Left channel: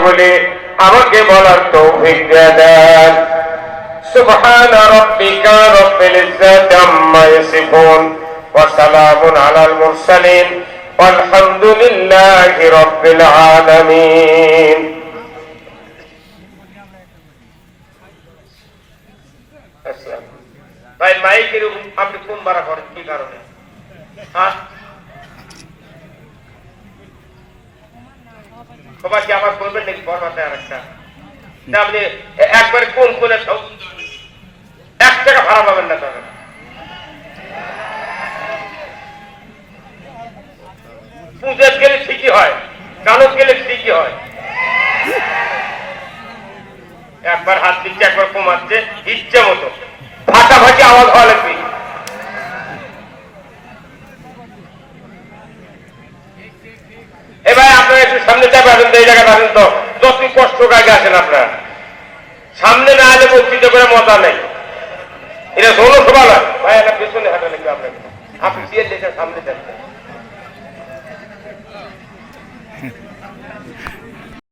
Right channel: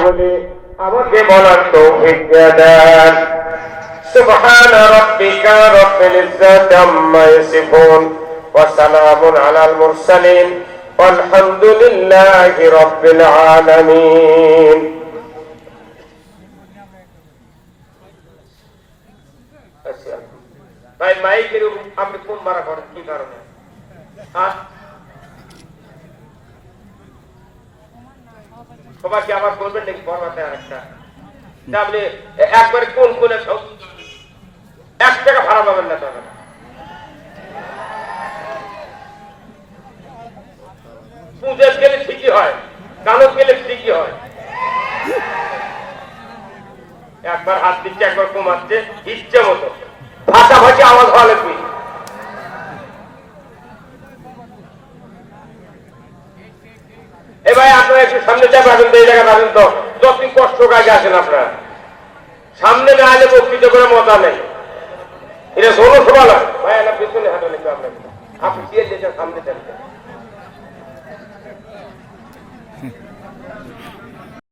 কথাগুলি আমাকে বলার তৌফিক দিয়ে দেন سبحان ربك رب العزة عما يصفون وسلام على المرسلين والحمد لله رب العالمين আচ্ছা। ভাই মাইকের আপনি কোন মারা করেন কি কারণে হ্যাঁ সবাই কি আবার বলবেন নাকি? বড় আর একটা আপনি একবারে কোন সব এক টাকা ভাড়া পাবেন না তখন পুজোর গেলে ঠিকই হয় গানত গেলে ঠিকই হয়। একবার হাত দিচ্ছে, একবার কমাচ্ছে ইচ্ছে মতো। ভাষাভাষি আওয়াজ হওয়া লাগবে। সামনে যা পাবেন তো, এই জায়গা পাবেন তো। যতই কষ্ট কাজে আসেন আপনার। সামনে না আলে বক্তৃত করে মজা নেই। এটা ষোলো শোভা নয় ভাই এটা পিছনে হাঁটা লেগে আপনাকে সামনে থাকবেন